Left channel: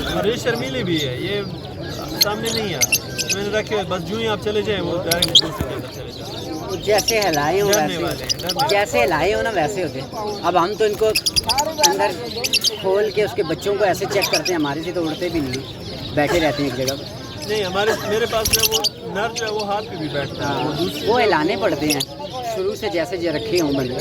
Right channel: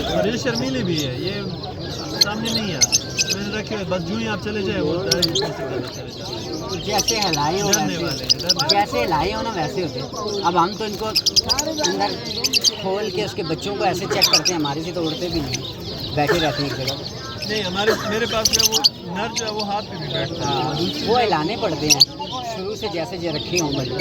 और ये शर्मीली भी है, ये सामने नहीं है, मैंने रखे हुए बस, यूं ही आप चले जाए वो डायरेक्ट चले जाए। जैसे हिलाए हो डरने वैसे, वाले हैं, डरने जैसे हिलाए हो ना वैसे होते। अब हम तो इनको अंदर खोल के उसके बच्चों को ऐसे चेक करते हैं, हमारे से तो उड़ते भी नहीं, बैठे रहते हैं एक जगह पर। नहीं, हमारे मेरे पास जो है वो नर जो है वो हाथ पे भी बैठता है, वो दूसरी वो हिलाने पड़ते हैं शुरू से, जैसे जो रखे हों बंदे।